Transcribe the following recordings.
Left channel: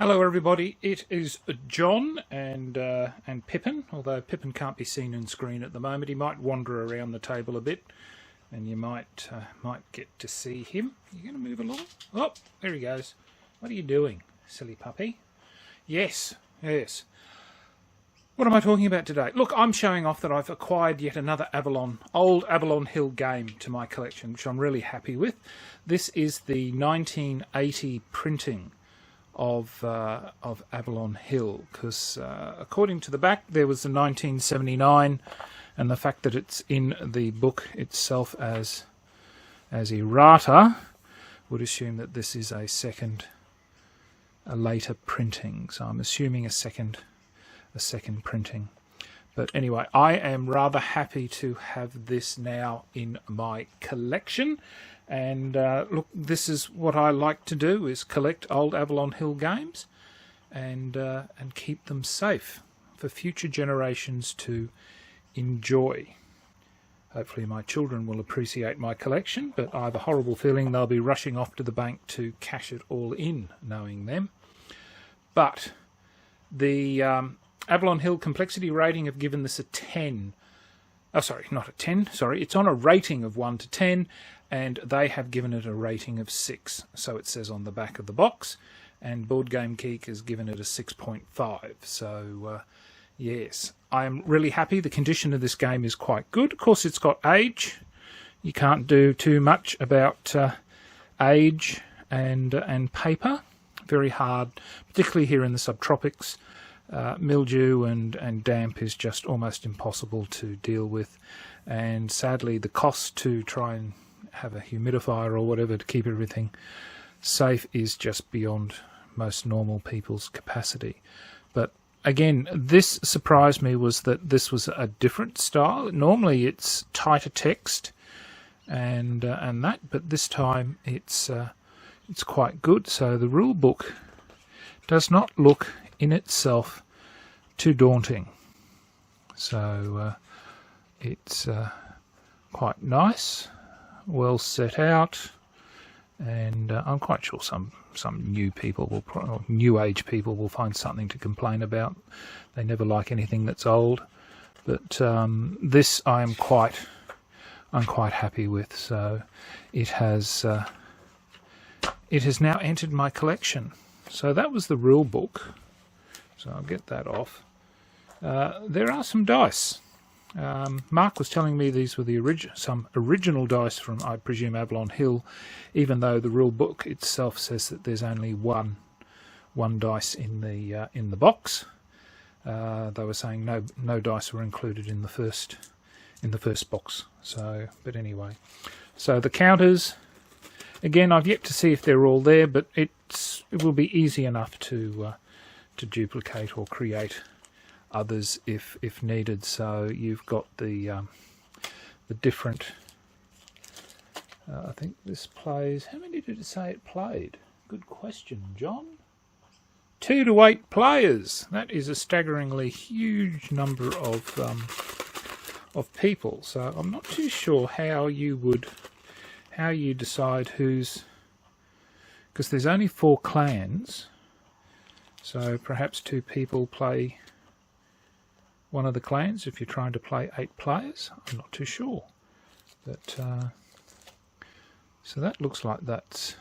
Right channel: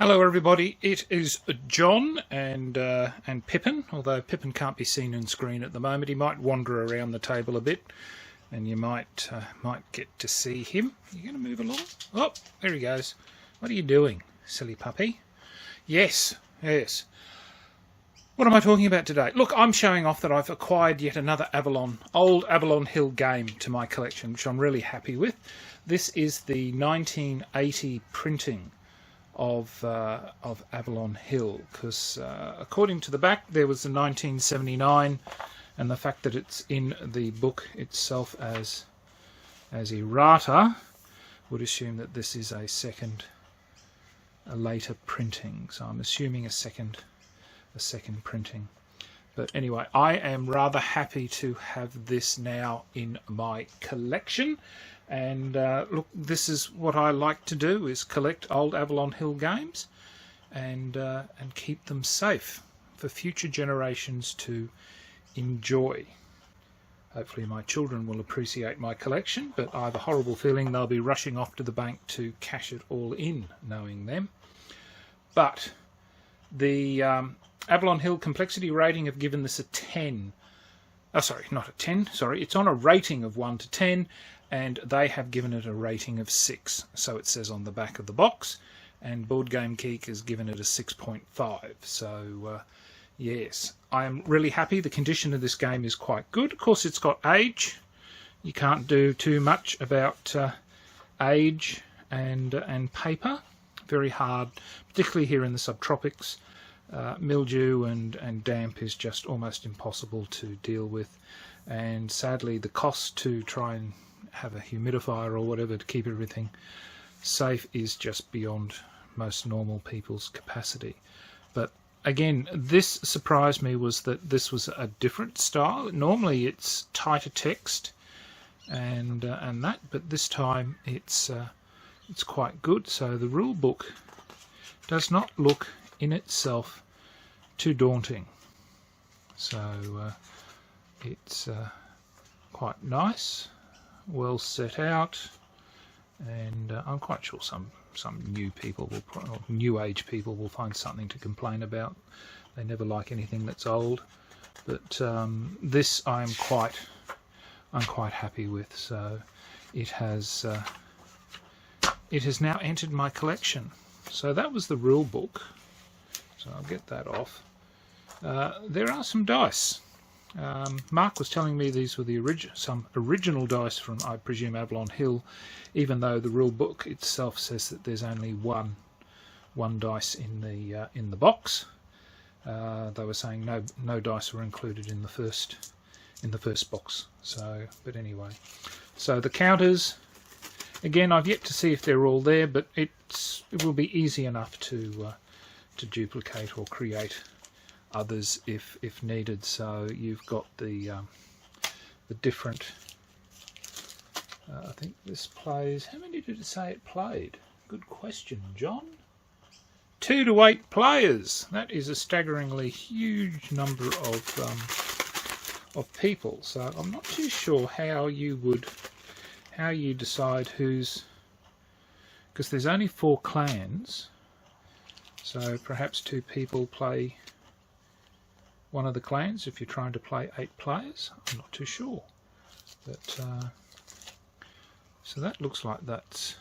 Hello everybody, it is John and Pippin, although Pippin can't be seen on screen at the moment. He might wander around the table a bit and you might get to see him. You're going to move along? Oh, there he goes. What are you doing, silly puppy? Yes. What am I talking about today? Look, I'm showing off that I've acquired yet another old Avalon Hill game to my collection, which I'm really happy with. This is the 1980 printing of Avalon Hill, because according to the back there was the 1979, and the fact that it's in the book itself as errata would assume that this is a later printing. So I'm assuming a second printing. But anyway, I am rather happy to have this now in my collection. And look, this is what I like to do, is collect old Avalon Hill games and keep them safe for future generations to enjoy. Hopefully my children will appreciate my collection, but I have a horrible feeling they'll be rushing off to the bank to cash it all in, knowing them. But the Avalon Hill complexity rating have given this a 10. Oh, sorry, not a 10. Sorry, it's on a rating of 1 to 10. And they have given it a rating of 6, so it says on the back of the box, and Board Game Geek has given it a 6.5. So yes, I'm really happy. The condition of this game is quite good. Of course, it's got age. You can't do too much about age and paper. Very hard, particularly here in the subtropics. Mildew and damp is just almost impossible to deal with, and sadly the cost to try and have a humidifier or whatever to keep everything safe is just beyond most normal people's capacity. But again, this surprised me, was that this was a different style. Normally it's tighter text and that, but this time it's quite good. So the rule book does not look in itself too daunting. So it's quite nice, well set out, and I'm quite sure some new people or new age people will find something to complain about. They never like anything that's old, but this I'm quite happy with. So it has now entered my collection. So that was the rule book. So I'll get that off. There are some dice. Mark was telling me these were some original dice from, I presume, Avalon Hill, even though the rule book itself says that there's only one dice in the box. They were saying no dice were included in the first box. So, but anyway, so the counters, again, I've yet to see if they're all there, but it will be easy enough to duplicate or create others if needed. So you've got the different, I think this plays, how many did it say it played? Good question, John. 2 to 8 players. That is a staggeringly huge number of people. So I'm not too sure how you decide who's, because there's only 4 clans, so perhaps 2 people play one of the clans if you're trying to play 8 players. I'm not too sure, but so that looks like that's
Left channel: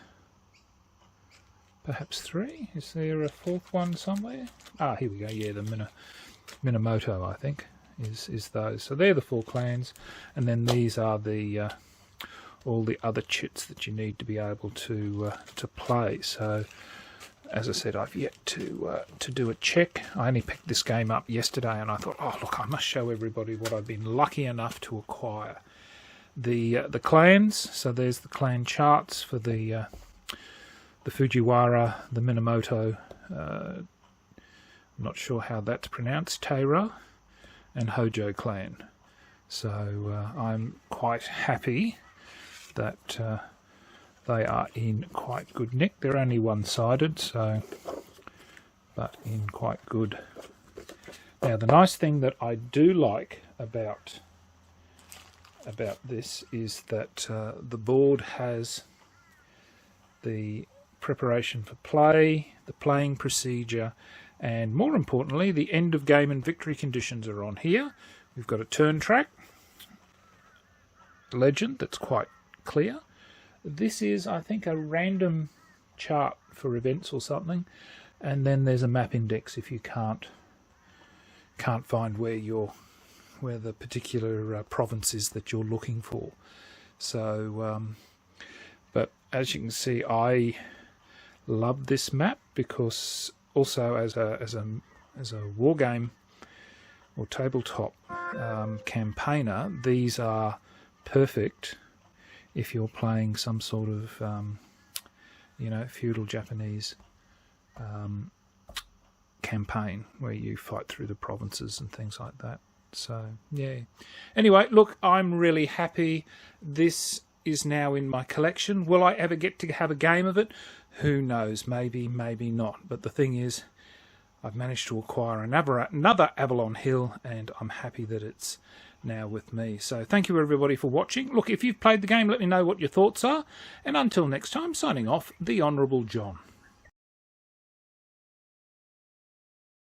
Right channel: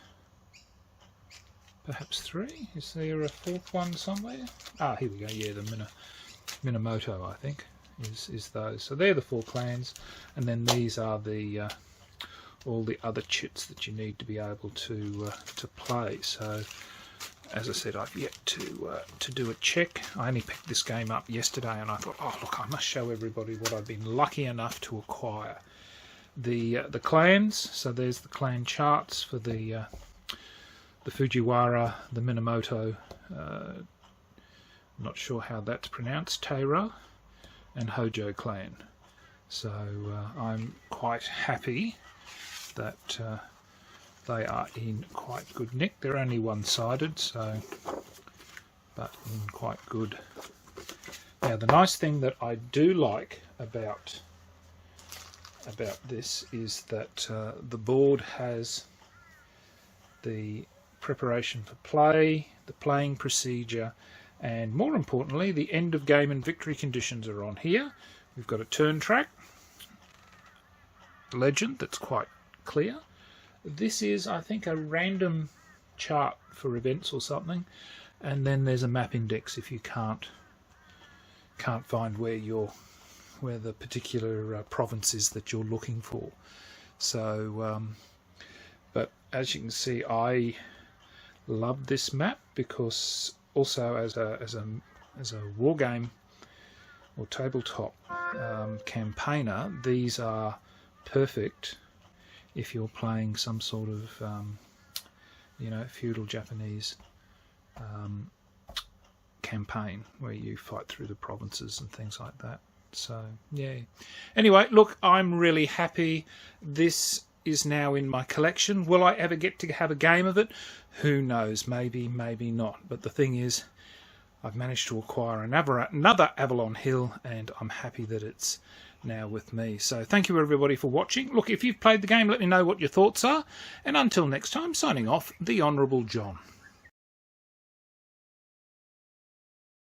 perhaps 3. Is there a 4th one somewhere? Ah, here we go. Yeah, the Minamoto, I think, is those. So they're the 4 clans, and then these are the all the other chits that you need to be able to play. So, as I said, I've yet to do a check. I only picked this game up yesterday, and I thought, oh look, I must show everybody what I've been lucky enough to acquire. The clans. So there's the clan charts for the Fujiwara, the Minamoto. I'm not sure how that's pronounced. Teiro and Hojo clan. So I'm quite happy that they are in quite good nick. They're only one-sided, so, but in quite good. Now, the nice thing that I do like about this is that the board has the preparation for play, the playing procedure, and more importantly, the end of game and victory conditions are on here. We've got a turn track, legend that's quite clear. This is, I think, a random chart for events or something, and then there's a map index if you can't find where the particular province is that you're looking for. So, but as you can see, I love this map because also as a war game or tabletop campaigner, these are perfect if you're playing some sort of feudal Japanese campaign where you fight through the provinces and things like that. So yeah, anyway, look, I'm really happy. This is now in my collection. Will I ever get to have a game of it? Who knows, maybe not, but the thing is, I've managed to acquire another Avalon Hill, and I'm happy that it's now with me. So thank you everybody for watching. Look, if you've played the game, let me know what your thoughts are, and until next time, signing off, the Honourable John.